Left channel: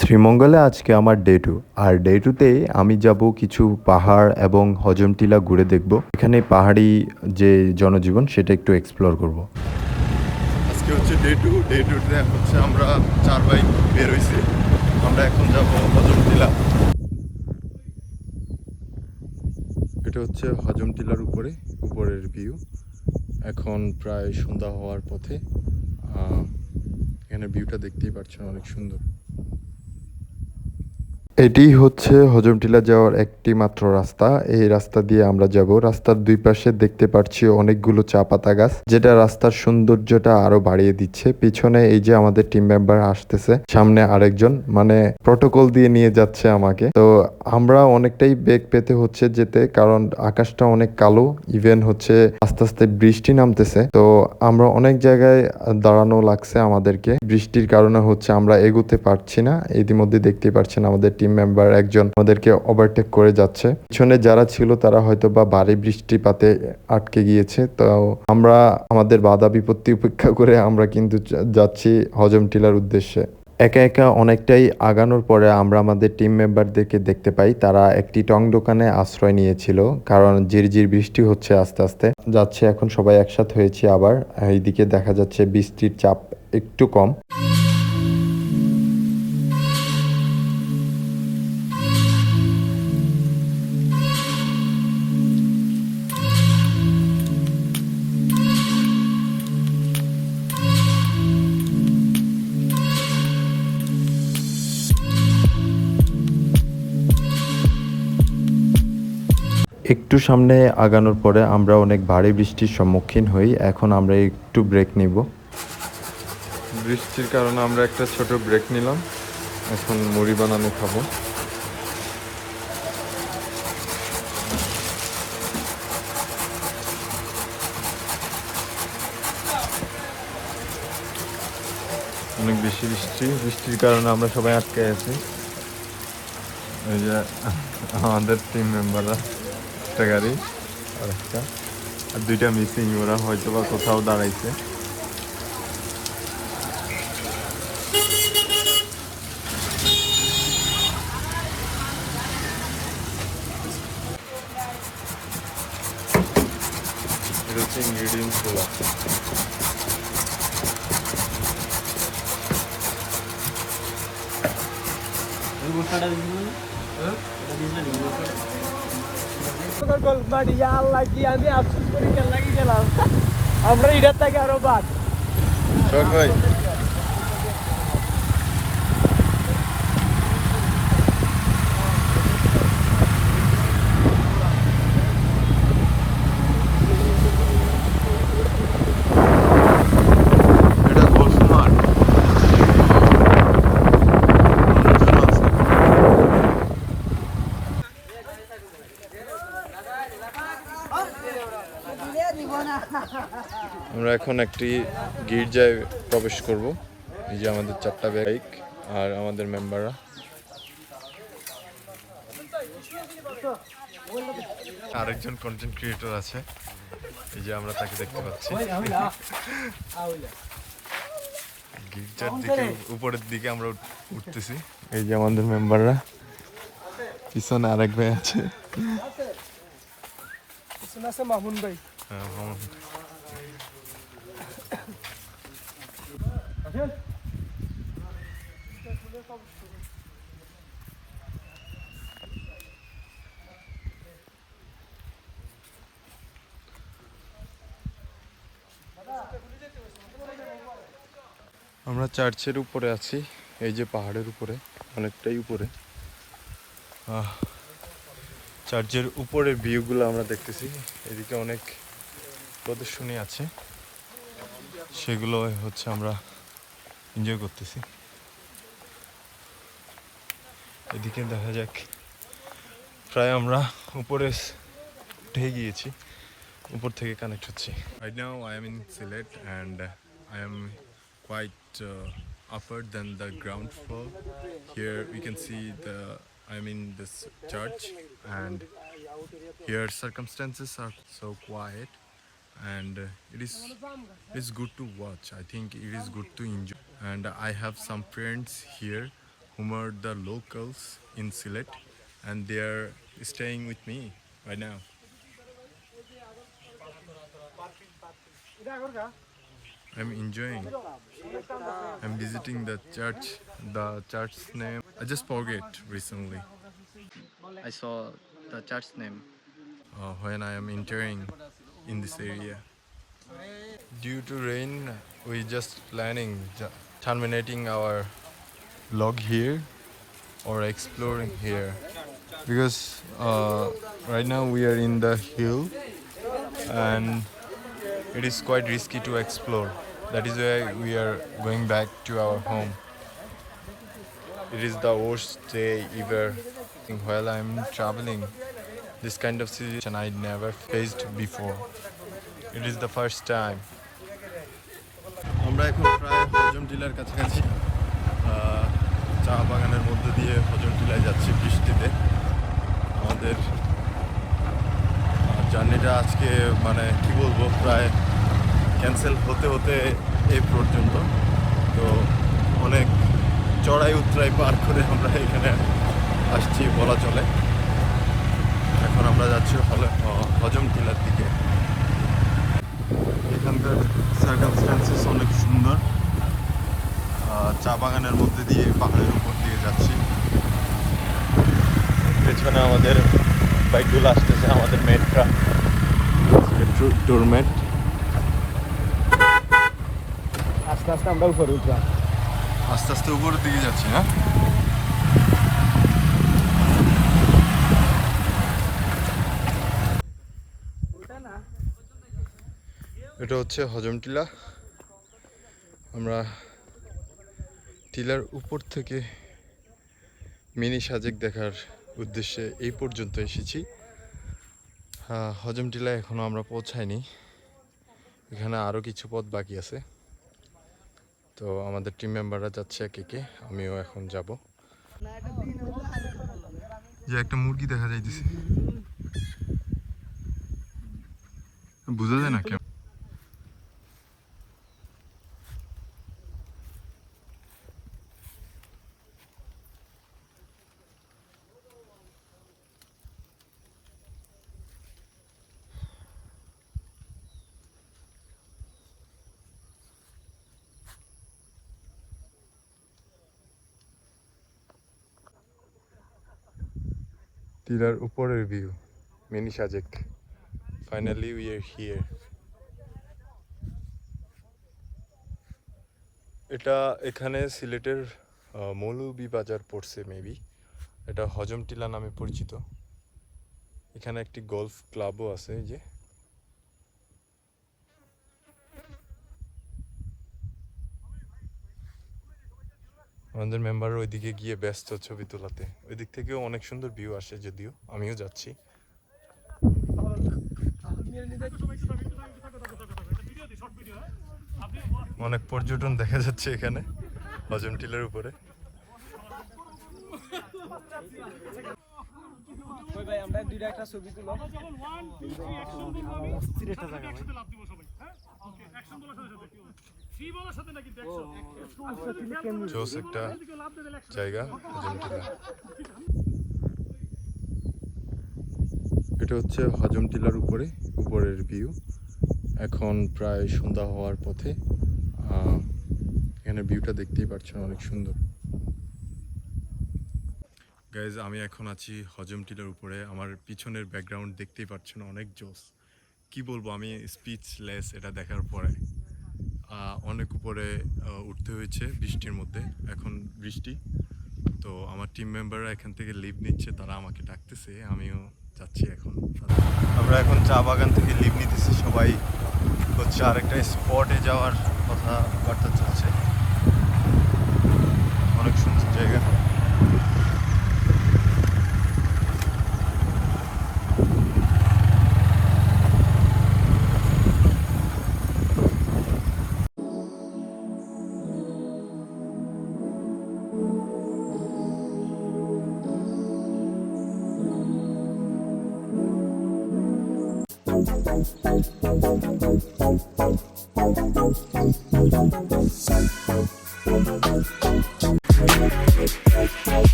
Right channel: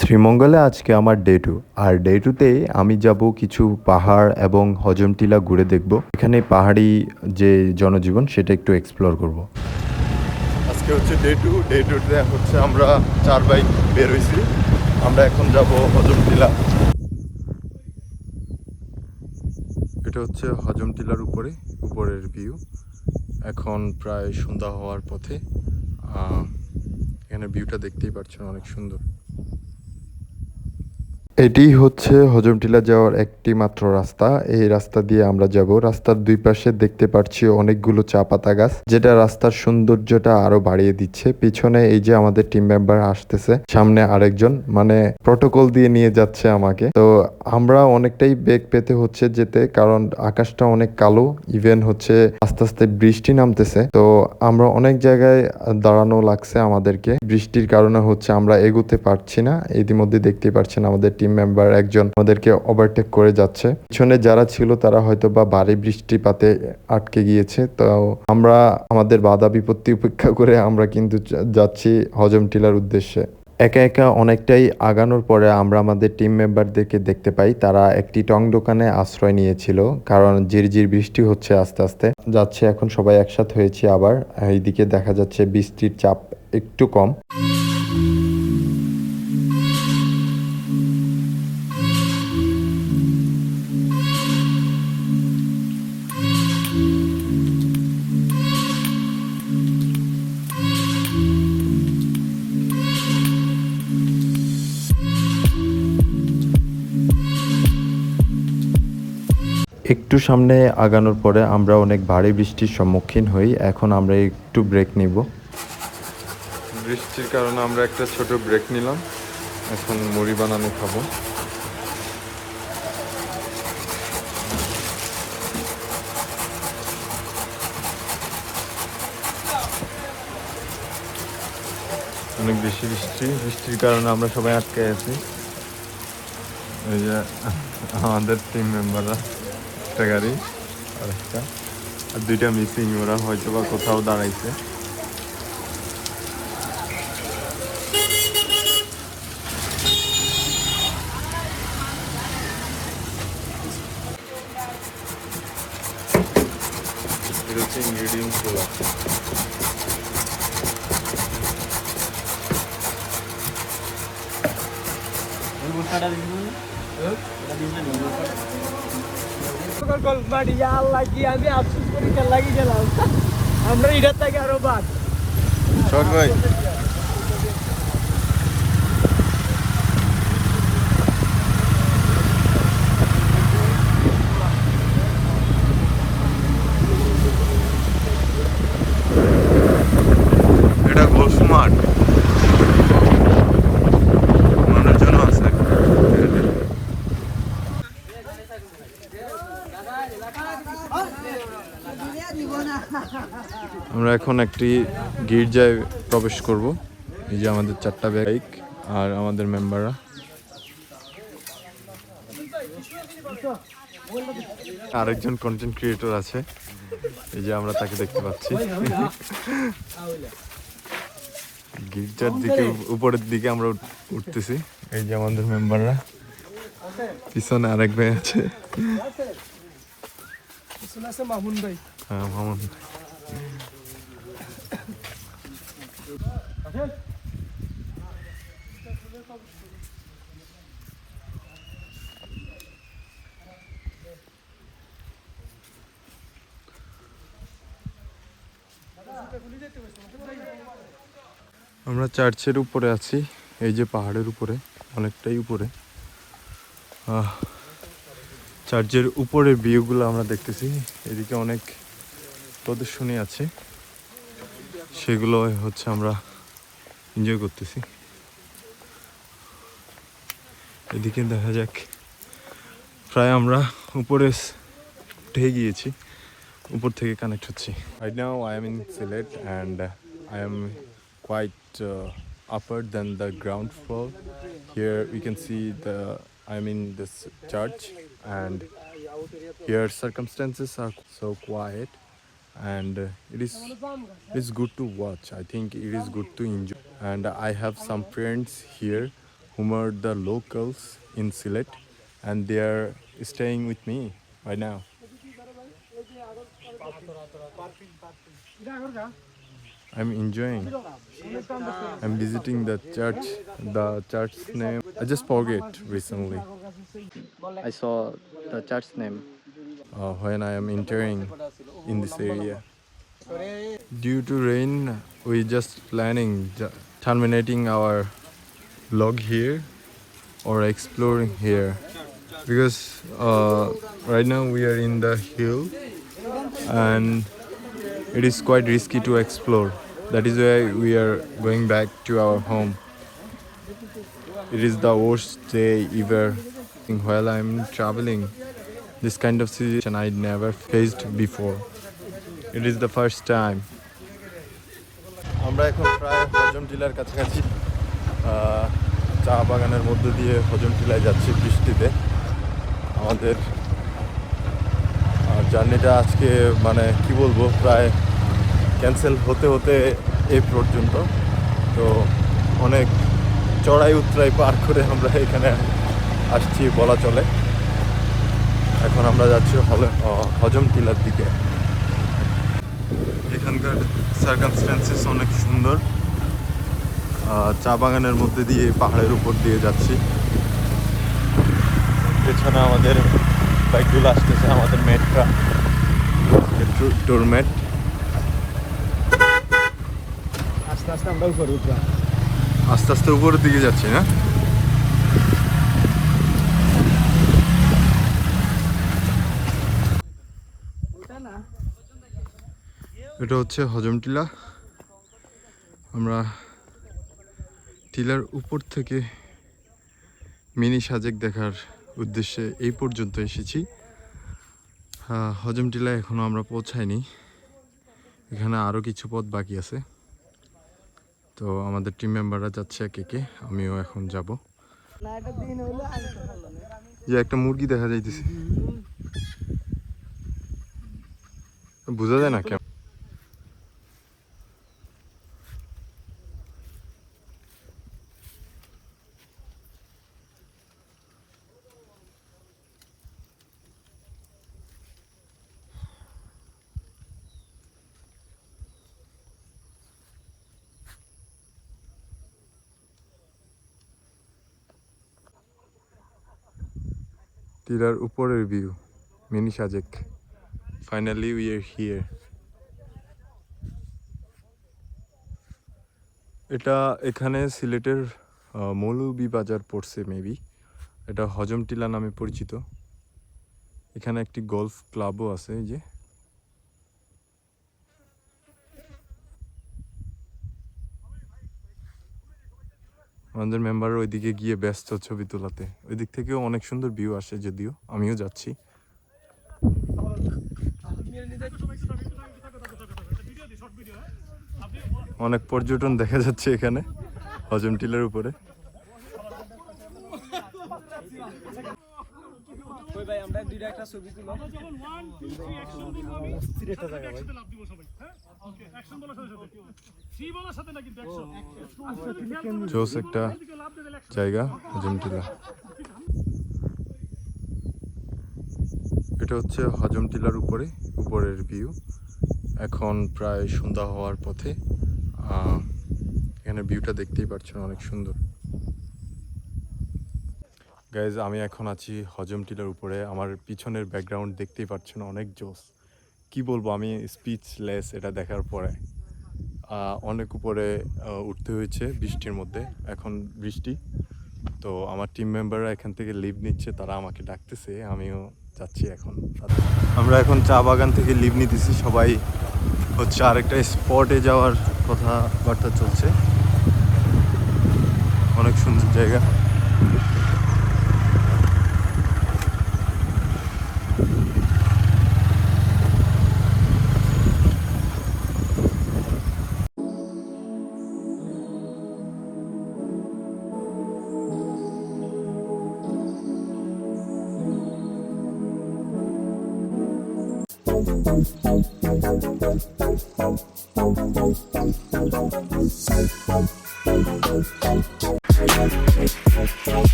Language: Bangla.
শ্রীমঙ্গলে আজকে আমার ডে টু আর ডে টুতে আমি যাব কিছু পাহাড় এবং হজমটিলা ঘুরে দেখব। এখানে পাহাড়ি যে জনজীবন, সেটা একটু এক্সপ্লোর করব। আজকে হচ্ছে ডে টু ডে টুতে হচ্ছে আমরা চার বাইক বের হয়েছি আমরা এখন যাব হজমটিলা। এটা হচ্ছে হজমটিলার উপরে, উপরের ভিউ এখন প্রায় সন্ধ্যা হওয়ার পথে। এখানে ভিউটা দেখতেই পাচ্ছেন, অনেক সুন্দর। এটি হচ্ছে হজমটিলা যাওয়ার একটি মাত্র রাস্তা। এই রাস্তা দিয়ে আমরা যাব। রাস্তার দুই পাশে দেখতে পাচ্ছি অনেকগুলো চা পাতা গাছ, যেটা রাস্তার সৌন্দর্যটা আরও বাড়িয়ে দিচ্ছে। পিছনে এই যে আমাদের টিম মেম্বার আসতেছে, সামনে আরেকজন মানে প্রটোকল দিয়ে নিয়ে যাচ্ছে আমাকে। তো আমরা অনেকটাই বেগ পেতে হচ্ছে যেতে, কারণ আকাশটা অনেক কালো ইভেন হচ্ছে আস্তে আস্তে বৃষ্টি নামতেছে। তো আমরা অনেক জায়গায় দাঁড়ানো লাগছে আমাদেরকে। বৃষ্টির কারণে হচ্ছে আমরা এগোতে পারছি না। ইতিমধ্যে দেখতে পাচ্ছেন আমাদের টিম মেম্বার একজন আমাদেরকে ওভারটেক করে যাচ্ছে। পিছনে যারা ছিল, তারা হয়তো বা ভারী বৃষ্টিপাতে আটকে গিয়েছে। তো আমরা, আমাদের বাধা বিপত্তি উপেক্ষা করে আমরা কিন্তু যাচ্ছি হজম টিলার উদ্দেশ্যে। একা একা অনেকটাই আগানোর পরে আমরা আমাদের টিম মেম্বারদেরকে দেখতে পাই। তারা একটি টং দোকানে আশ্রয় নিয়েছিল, কারণ ঝিরঝির বৃষ্টি হচ্ছে আস্তে আস্তে। যাচ্ছে, এখন সবাই একসাথে হয়েছি আবার। এইদিকে দেখা যাচ্ছে বৃষ্টির চাপ একটু কম। একটু সামনে আগানোর পরে আমরা অনেক ভারী বৃষ্টির সম্মুখীন হই। এখন আমরা একটু ব্রেক নিব। বৃষ্টির কারণে আমরা একটা ছোট ব্রেক নিলাম। এখন বড়ি বানানো খাব। অনেক বেশি বৃষ্টি। বৃষ্টির কারণে আমরা সবাই আটকে আছি। আমাদের তিন মেম্বাররা একটা গাড়ি আর দুইটা মিসিং ওরা হয়তো বা কোথাও দাঁড়াইছে। হচ্ছে ইনগ্রিডিয়েন্টস বাড়ি আল্লাহ কি আমি আফসোস করি লাগি গেলাম। আমরা ইটার থেকে আরও বা এটা ঘোষমাঠ মানুষজন আছে আমরা এখন একটি গির্জায় প্রবেশ করব। এই যে আমাদের চারটা বাইক আর আমাদের মেম্বাররা। আরেকজন কন্টেন্ট ক্রিয়েটর আছে। এই যে আমরা তাকে দেখতে পাচ্ছি। গির্জার দিকে, উপরের দিকে আমরা উঠ- উঠতেছি। এই যে আমাদের মেম্বাররা। পিছনে আরেক ভাই আছে। ভাই। হ্যাঁ মামুন। আমরা চার্চের উপরে আছি এই যে পাহাড়ের উপরে অনেকটাই উপরে। আহ, চার্চের উপরের ভিউগুলো আমরা দেখতেছি। এদিকে অনেক প্রদর্শনী আছে। সেগুলো হচ্ছে আমরা এনজয় করতেছি। এদিকে দেখা যাক। প্রায় আমরা উপরে উঠে গিয়েছি। উপর থেকে কানেক্ট হচ্ছি। uh, uh, Upper than the ground floor. Here we can see the, i mean, this church. And here circumstances are so quiet and it is it is good to watch. I think it is good to enjoy and I have some friends here who are the locals in Sylhet and they are staying with me right now. I'm enjoying. I'm visiting the church. The church's name I just forget recently. I saw the church name. uh, when I am entering in this area. Due to rain, we just planning terminating our log here or exploring here because uh, right now we are in the hill and it is quite risky to explore. That is why we are going back to our home. It is the worst day ever while I'm traveling this kind of situation I never faced before. It is the first time. আমরা এখন প্রায় হজম টিলার কাছাকাছি চা বাগানের মধ্য দিয়ে হজম টিলায় যাচ্ছি বৃষ্টিতে আমাদের জার্নিটা আজকে মানে কি বলব প্রায় ক্যান্সেল হতে হতে এই পর্যন্ত। তো অনেক চড়াই উতরাই পার করে আমরা এখানে আসছি বলা চলে। এখন আমরা যাচ্ছি হলে হজম টিলার দিকে। এখানকার সার্কামস্ট্যান্সেস অনেক সুন্দর। চা বাগানের মধ্যে দিয়ে পাহাড়ের উপর দিয়ে যাচ্ছি। পেছনে আমাদের মেটটা। ডোরমেট আস্তে আমরা উপরে উঠলাম আস্তে আস্তে উপরের দিকে যাচ্ছি, না? এটা হচ্ছে হজম টিলা। আমরা টিলার উপর থেকে মিনি সাজেক দেখার উদ্দেশ্যে এই পর্যন্ত এসেছি। হজম টিলায় এখনও আমরা পৌঁছাইনি। এখানে আরও কিছু পথ বাকি আছে। তো আমাদের টিম মেম্বাররা যাচ্ছে একে একে, আমিও এখন যাব। যে একটা মুরগি দেখা যাইতেছে। বোঝা যায় না কেমন? টিলার উপরের view mini Sajek finally we are here এটা এখানে সিলেটের মৌলুবি বাজার পড়ছে মেবি এটা হজম টিলা নামে পরিচিত। এখানে একটি গলফ ক্লাবও আছে, এই যে। আমাদের মেম্বার ওইদিকে গিয়ে ব্যস্ত ছবি তোলাতে। ওই দিক থেকেও অনেক সুন্দর ভিউ আসে যদিও, আমিও যাচ্ছি। অনেক পর্যটন দেখা যাচ্ছে এখানে, হজম টিলার উপরে। ছবি জোস একটা জায়গা হজম টিলা এটা হচ্ছে হজম টিলার উপরে উপরের ভিউ এখন প্রায় সন্ধ্যা হওয়ার পথে এখানে ভিউটা দেখতেই পাচ্ছেন অনেক সুন্দর। গাইজ আমি এখন আছি হজম টিলার উপরে। আমার পিছনের ব্যাকগ্রাউন্ড দেখতেই পাচ্ছেন অনেক জোস। কি বলব আমি স্পিচলেস এটা দেখার পরে। অনেক উপরে উঠতে হয়েছে বৃষ্টির মধ্যে। এখন বৃষ্টি। তো আমার টিম মেম্বাররা এখান থেকে লিভ নিচ্ছে, তারা আমাকে ডাকতেছে, আমিও যাচ্ছি এখন আমরা এখন চা বাগান থেকে লিভ নিতেছি, সবাই হচ্ছে আরেকটা স্পটে যাওয়ার কথাবার্তা চলছে। অনেক সুন্দর জায়গা।